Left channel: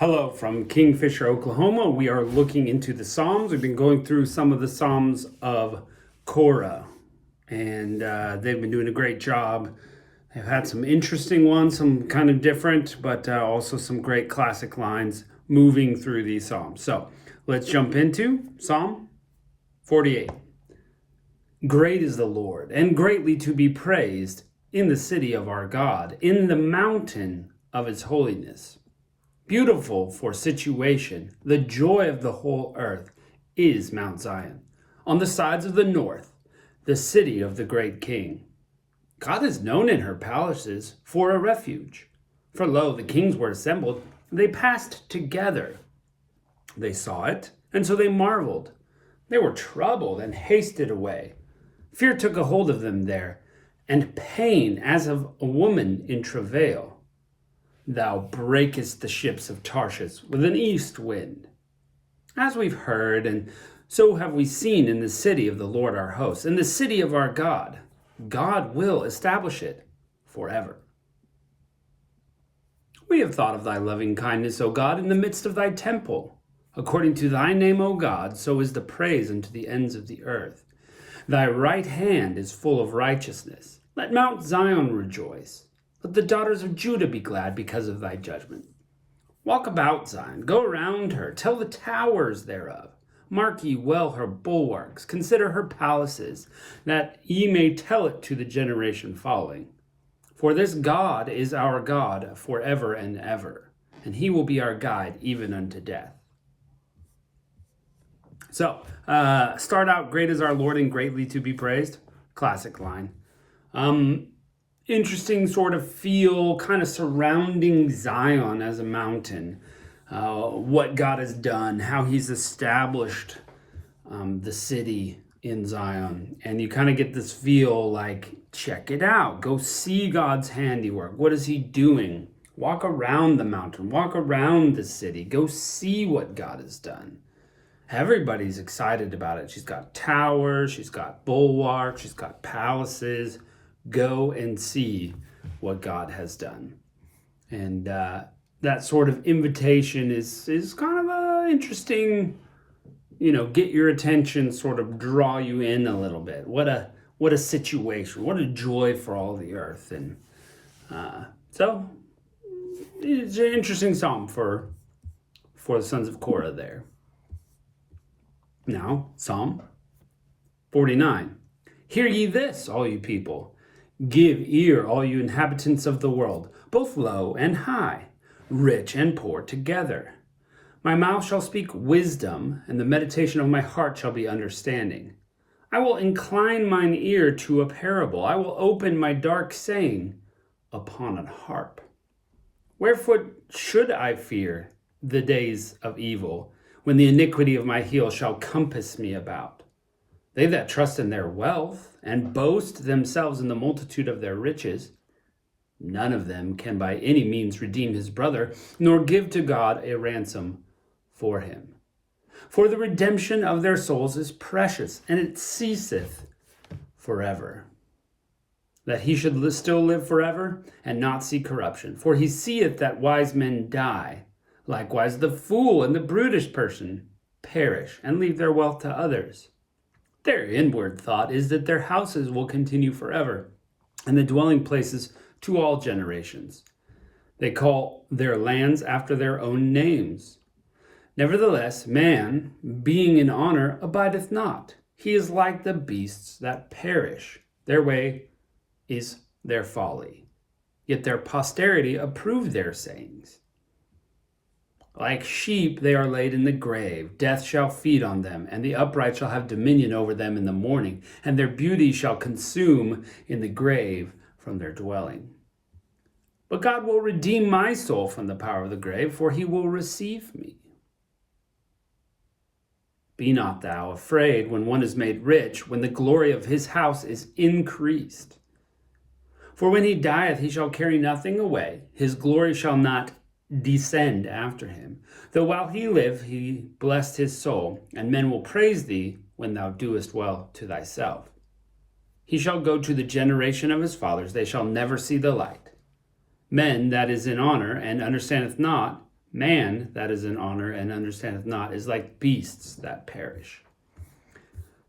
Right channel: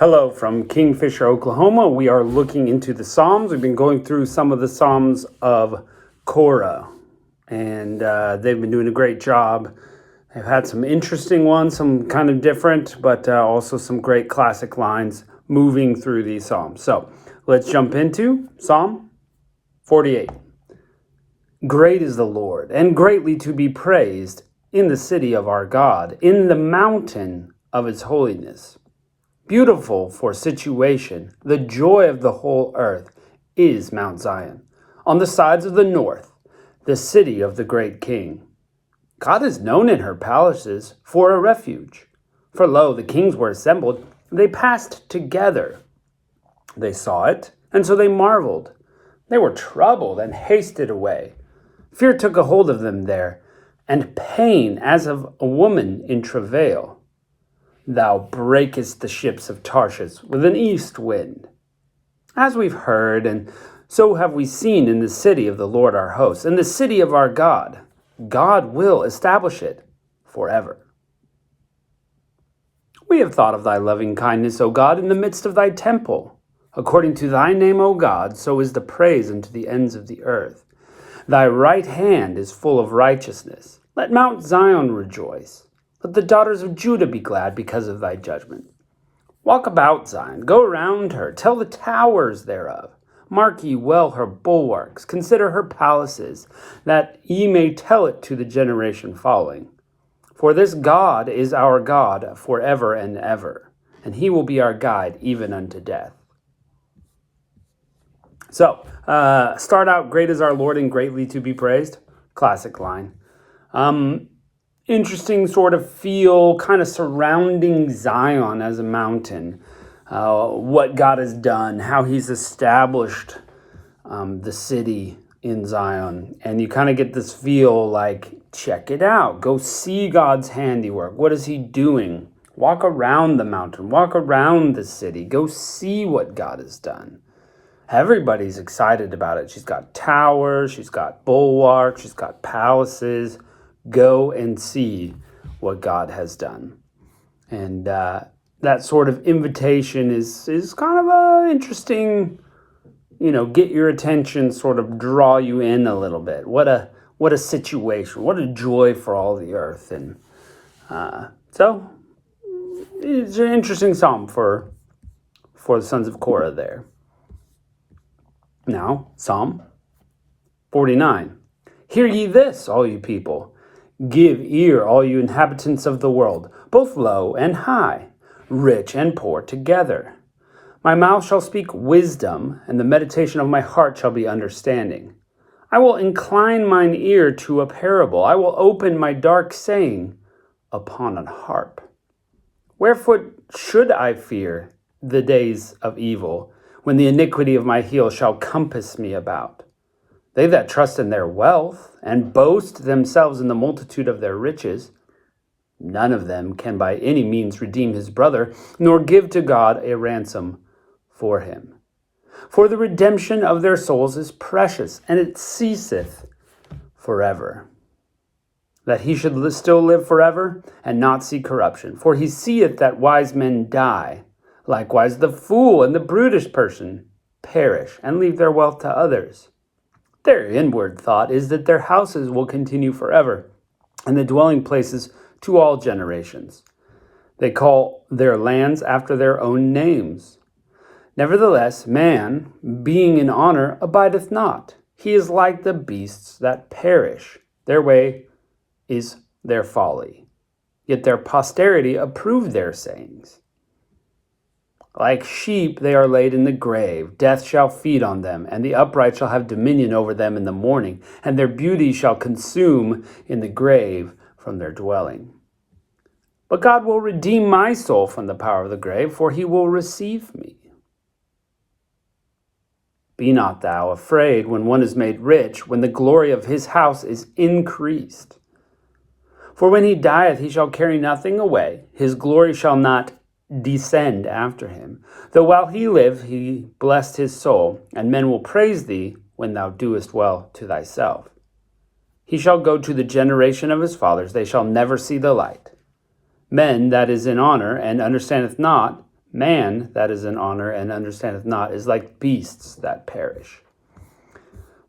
Hello from Kingfisher, Oklahoma. We are looking into the Psalms. We've been going through some of the Psalms of Korah, and they've been doing a great job. They've had some interesting ones, some kind of different, but also some great classic lines moving through these Psalms. So let's jump into Psalm 48. Great is the Lord, and greatly to be praised in the city of our God, in the mountain of his holiness. Beautiful for situation, the joy of the whole earth is Mount Zion. On the sides of the north, the city of the great king. God is known in her palaces for a refuge. For lo, the kings were assembled, they passed together. They saw it, and so they marveled. They were troubled and hasted away. Fear took a hold of them there, and pain as of a woman in travail. Thou breakest the ships of Tarshish with an east wind. As we've heard, and so have we seen in the city of the Lord our hosts, in the city of our God, God will establish it forever. We have thought of thy loving kindness, O God, in the midst of thy temple. According to thy name, O God, so is the praise unto the ends of the earth. Thy right hand is full of righteousness. Let Mount Zion rejoice. Let the daughters of Judah be glad because of thy judgment. Walk about Zion, go around her, tell the towers thereof. Mark ye well her bulwarks, consider her palaces, that ye may tell it to the generation following. For this God is our God forever and ever, and he will be our guide even unto death. So, start out, great is our Lord and greatly to be praised. Classic line. Interesting sort of feel kind of surrounding Zion as a mountain, what God has done, how he's established the city in Zion. And you kind of get this feel like, check it out, go see God's handiwork. What is he doing? Walk around the mountain, walk around the city, go see what God has done. Everybody's excited about it. She's got towers, she's got bulwarks, she's got palaces. Go and see what God has done. And that sort of invitation is kind of a interesting, get your attention, sort of draw you in a little bit. What a situation, what a joy for all the earth. And so it's an interesting psalm for the sons of Korah there. Now, Psalm 49. Hear ye this, all you people. Give ear, all you inhabitants of the world, both low and high, rich and poor together. My mouth shall speak wisdom, and the meditation of my heart shall be understanding. I will incline mine ear to a parable. I will open my dark saying upon an harp. Wherefore should I fear the days of evil, when the iniquity of my heel shall compass me about? They that trust in their wealth, and boast themselves in the multitude of their riches, none of them can by any means redeem his brother, nor give to God a ransom for him. For the redemption of their souls is precious, and it ceaseth forever. That he should still live forever, and not see corruption. For he seeth that wise men die. Likewise the fool and the brutish person perish, and leave their wealth to others. Their inward thought is that their houses will continue forever, and the dwelling places to all generations. They call their lands after their own names. Nevertheless, man, being in honor, abideth not. He is like the beasts that perish. Their way is their folly. Yet their posterity approve their sayings. Like sheep they are laid in the grave. Death shall feed on them, and the upright shall have dominion over them in the morning, and their beauty shall consume in the grave from their dwelling. But God will redeem my soul from the power of the grave, for he will receive me. Be not thou afraid when one is made rich, when the glory of his house is increased. For when he dieth, he shall carry nothing away. His glory shall not descend after him. Though while he lived, he blessed his soul, and men will praise thee when thou doest well to thyself. He shall go to the generation of his fathers, they shall never see the light. Men that is in honor and understandeth not, Man that is in honor and understandeth not is like beasts that perish.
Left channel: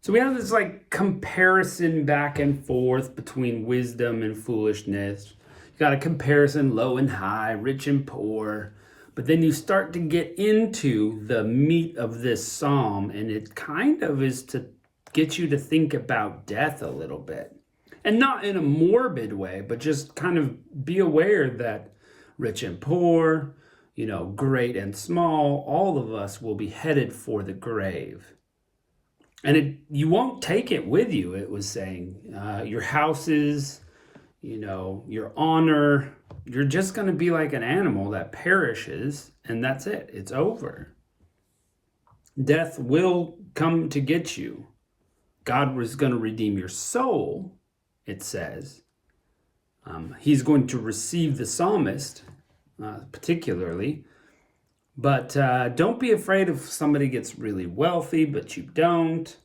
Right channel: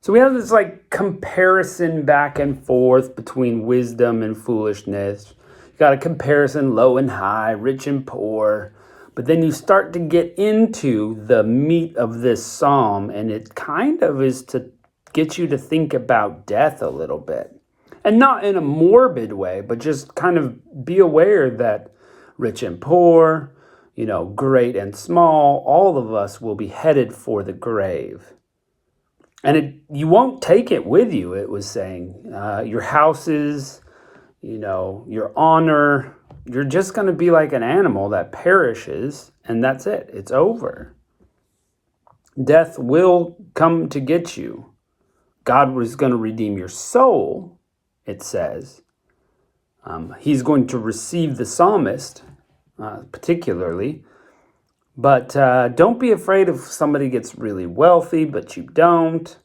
So we have this like comparison back and forth between wisdom and foolishness. You got a comparison low and high, rich and poor. But then you start to get into the meat of this psalm, and it kind of is to get you to think about death a little bit. And not in a morbid way, but just kind of be aware that rich and poor, great and small, all of us will be headed for the grave. And you won't take it with you, it was saying. Your houses, your honor, you're just going to be like an animal that perishes, and that's it. It's over. Death will come to get you. God was going to redeem your soul, it says. He's going to receive the psalmist, particularly. But don't be afraid if somebody gets really wealthy, but you don't.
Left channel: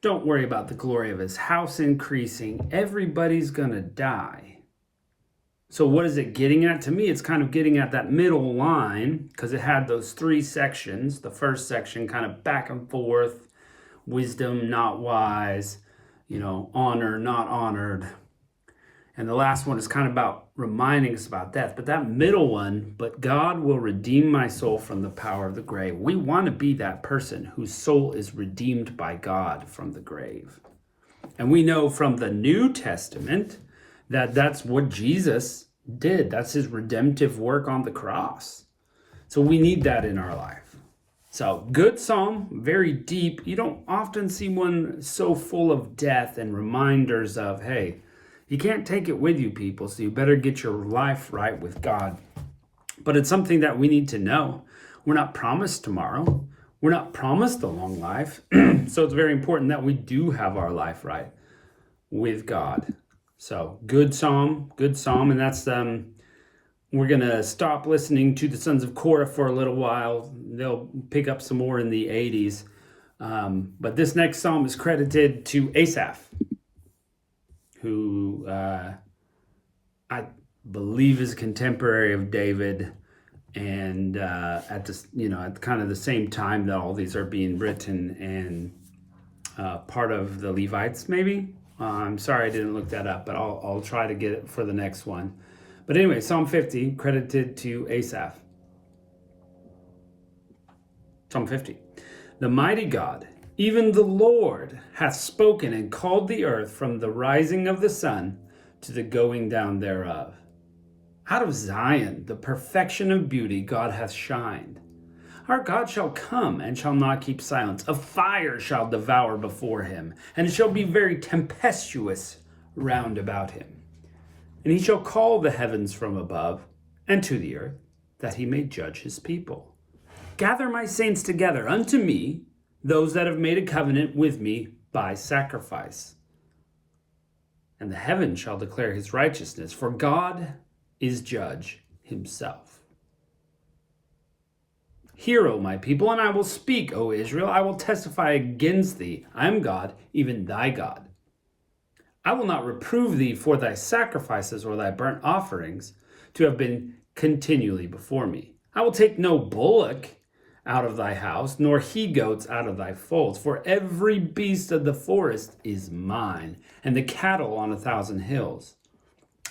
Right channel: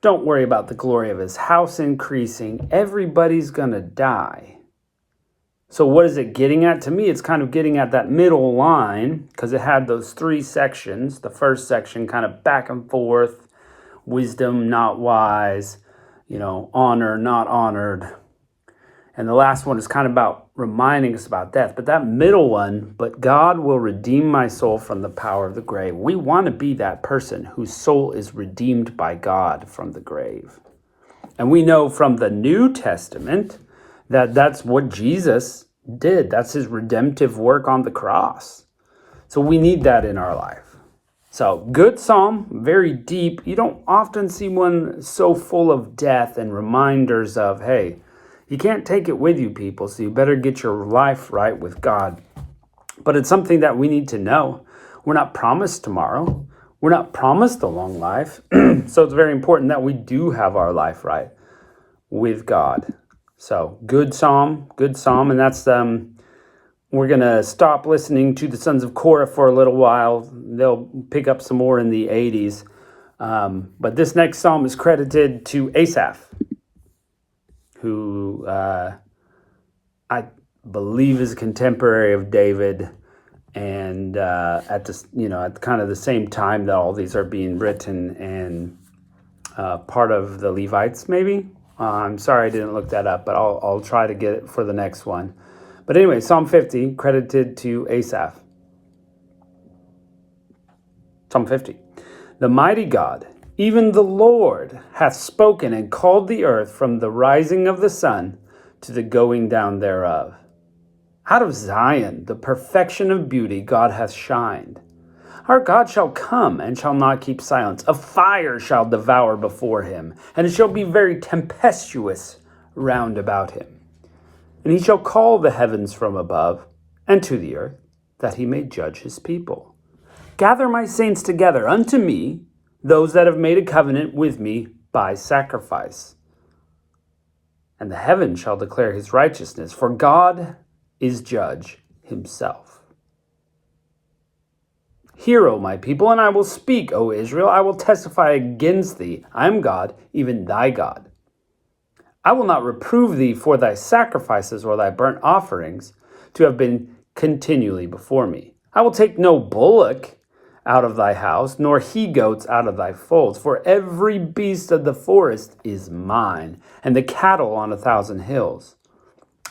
Don't worry about the glory of his house increasing. Everybody's going to die. So what is it getting at? To me, it's kind of getting at that middle line, because it had those three sections. The first section kind of back and forth, wisdom, not wise, honor, not honored. And the last one is kind of about reminding us about death. But that middle one, but God will redeem my soul from the power of the grave. We want to be that person whose soul is redeemed by God from the grave. And we know from the New Testament that that's what Jesus did. That's his redemptive work on the cross. So we need that in our life. So good psalm, very deep. You don't often see one so full of death and reminders of, hey, you can't take it with you, people, so you better get your life right with God. But it's something that we need to know. We're not promised tomorrow. We're not promised a long life. So it's very important that we do have our life right with God. So good psalm, and that's we're going to stop listening to the Sons of Korah for a little while. They'll pick up some more in the 80s. But this next psalm is credited to Asaph, who I believe is a contemporary of David, and at this, at kind of the same time that all these are being written, and part of the Levites, maybe. I'm sorry I didn't look that up, but I'll try to get it for the next one. But anyway, Psalm 50, credited to Asaph. Psalm 50. The mighty God, even the Lord, hath spoken and called the earth from the rising of the sun to the going down thereof. Out of Zion, the perfection of beauty, God hath shined. Our God shall come and shall not keep silence. A fire shall devour before him, and it shall be very tempestuous round about him. And he shall call the heavens from above and to the earth, that he may judge his people. Gather my saints together unto me, those that have made a covenant with me by sacrifice. And the heavens shall declare his righteousness, for God is judge himself. Hear, O my people, and I will speak, O Israel. I will testify against thee. I am God, even thy God. I will not reprove thee for thy sacrifices or thy burnt offerings to have been continually before me. I will take no bullock out of thy house, nor he-goats out of thy folds. For every beast of the forest is mine, and the cattle on 1,000 hills.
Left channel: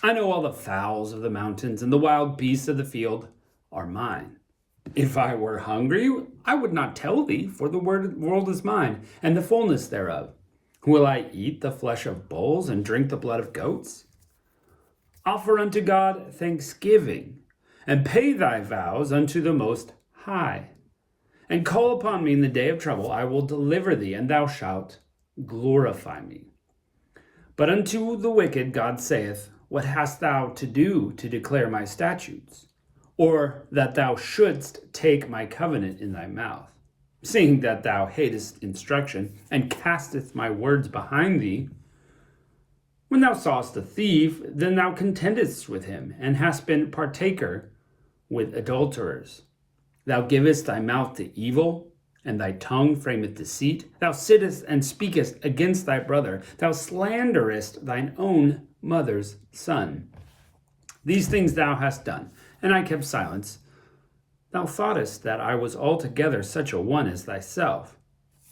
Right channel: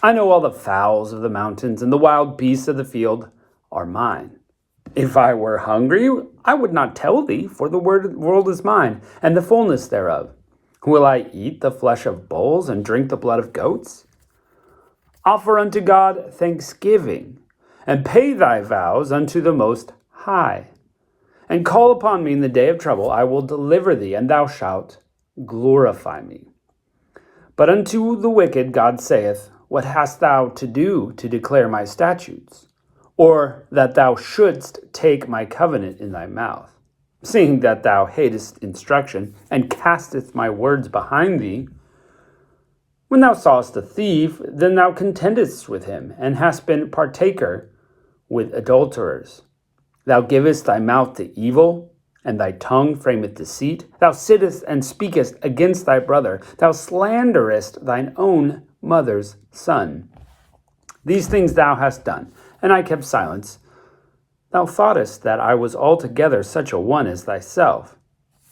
I know all the fowls of the mountains, and the wild beasts of the field are mine. If I were hungry, I would not tell thee, for the world is mine, and the fullness thereof. Will I eat the flesh of bulls and drink the blood of goats? Offer unto God thanksgiving, and pay thy vows unto the Most High. And call upon me in the day of trouble. I will deliver thee, and thou shalt glorify me. But unto the wicked God saith, What hast thou to do to declare my statutes? Or that thou shouldst take my covenant in thy mouth, seeing that thou hatest instruction, and casteth my words behind thee? When thou sawest a thief, then thou contendest with him, and hast been partaker with adulterers. Thou givest thy mouth to evil, and thy tongue frameth deceit. Thou sittest and speakest against thy brother. Thou slanderest thine own mother's son. These things thou hast done, and I kept silence. Thou thoughtest that I was altogether such a one as thyself,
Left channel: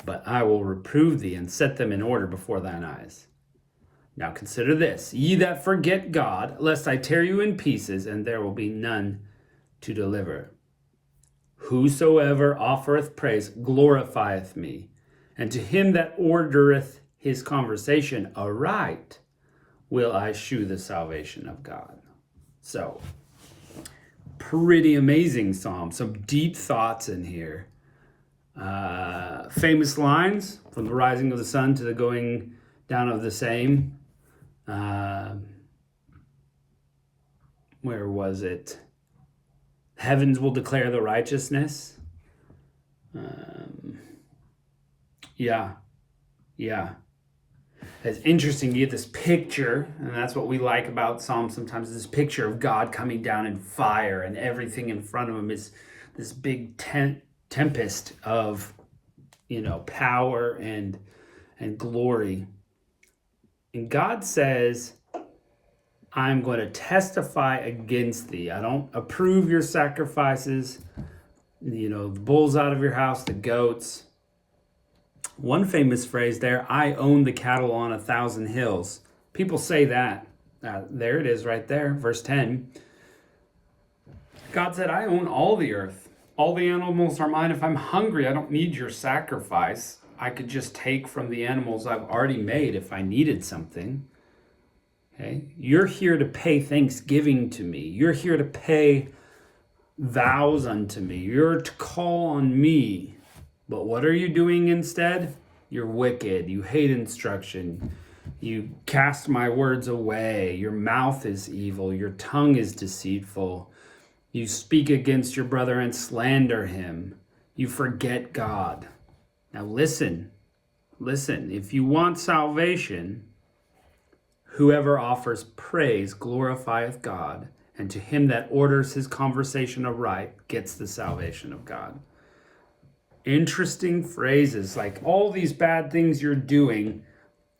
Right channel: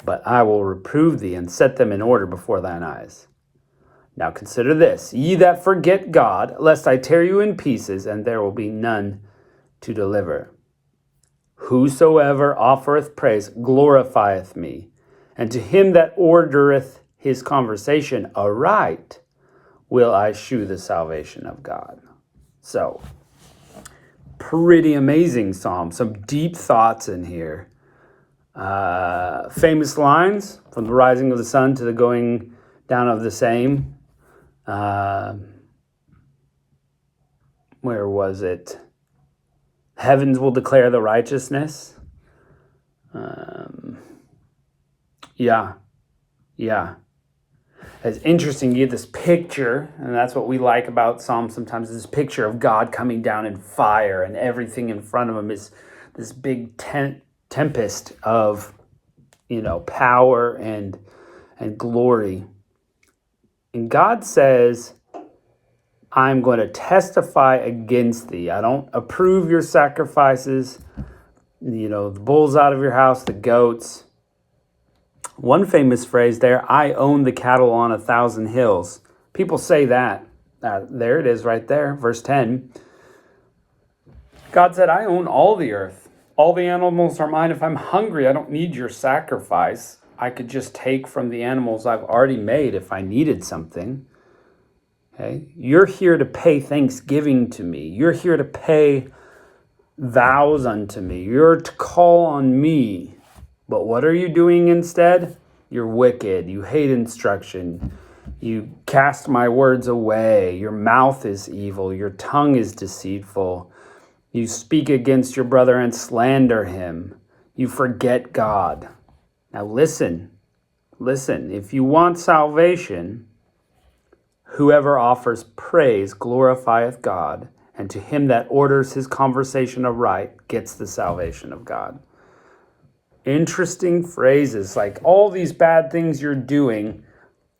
but I will reprove thee and set them in order before thine eyes. Now consider this, ye that forget God, lest I tear you in pieces, and there will be none to deliver. Whosoever offereth praise glorifieth me, and to him that ordereth his conversation aright will I shew the salvation of God. So, pretty amazing psalm. Some deep thoughts in here. Famous lines, from the rising of the sun to the going down of the same. Where was it? Heavens will declare the righteousness. Yeah. It's interesting. You get this picture, and that's what we like about Psalms sometimes, this picture of God coming down in fire, and everything in front of him is this big tempest of, power and glory. And God says, I'm going to testify against thee. I don't approve your sacrifices, the bulls out of your house, the goats. One famous phrase there, I own the cattle on 1,000 hills. People say that. There it is right there, verse 10. God said, I own all the earth. All the animals are mine. If I'm hungry, I don't need your sacrifice. I could just take from the animals I've already made if I needed something. Okay? You're here to pay thanksgiving to me. You're here to pay vows unto me. You're to call on me. But what are you doing instead? You're wicked. You hate instruction. You cast my words away. Your mouth is evil. Your tongue is deceitful. You speak against your brother and slander him. You forget God. Now listen. If you want salvation, whoever offers praise glorifieth God, and to him that orders his conversation aright gets the salvation of God. Interesting phrases, like all these bad things you're doing,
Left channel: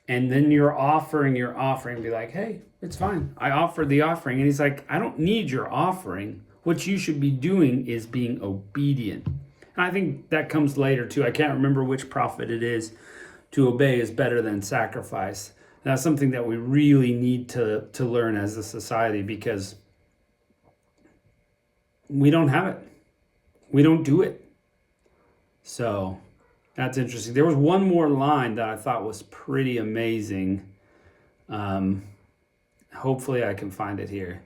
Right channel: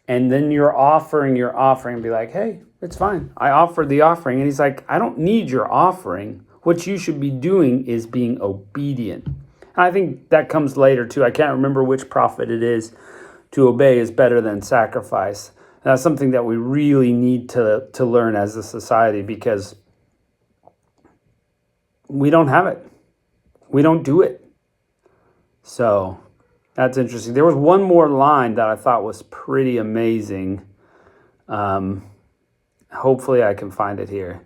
and then you're offering, be like, hey, it's fine. I offered the offering. And he's like, I don't need your offering. What you should be doing is being obedient. I think that comes later too. I can't remember which prophet it is. To obey is better than sacrifice. And that's something that we really need to learn as a society, because we don't have it. We don't do it. So that's interesting. There was one more line that I thought was pretty amazing. Hopefully I can find it here.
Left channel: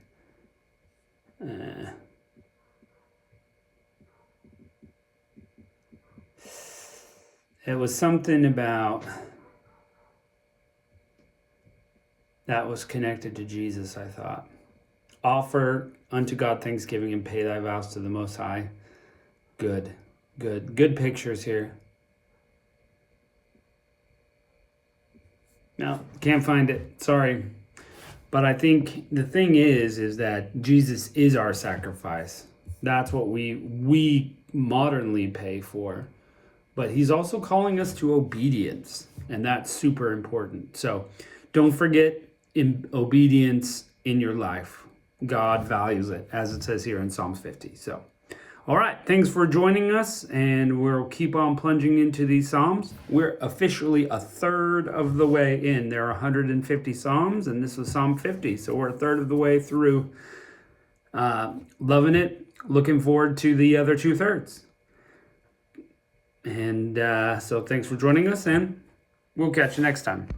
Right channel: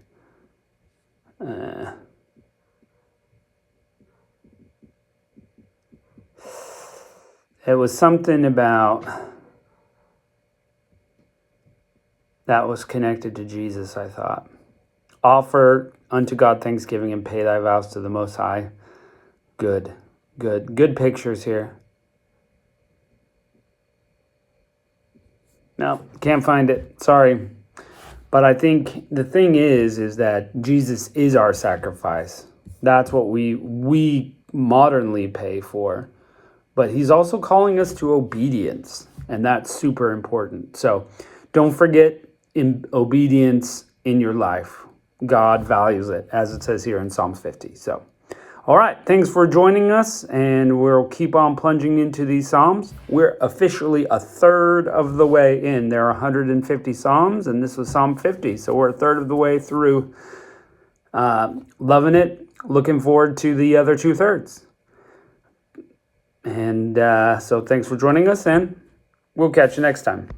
It was something about that was connected to Jesus, I thought. Offer unto God thanksgiving and pay thy vows to the Most High. Good pictures here. No, can't find it. Sorry. But I think the thing is that Jesus is our sacrifice. That's what we modernly pay for. But he's also calling us to obedience, and that's super important. So don't forget obedience in your life. God values it, as it says here in Psalm 50. So, all right, thanks for joining us, and we'll keep on plunging into these Psalms. We're officially a third of the way in. There are 150 Psalms, and this was Psalm 50, so we're a third of the way through. Loving it, looking forward to the other 2/3. And so thanks for joining us, and we'll catch you next time.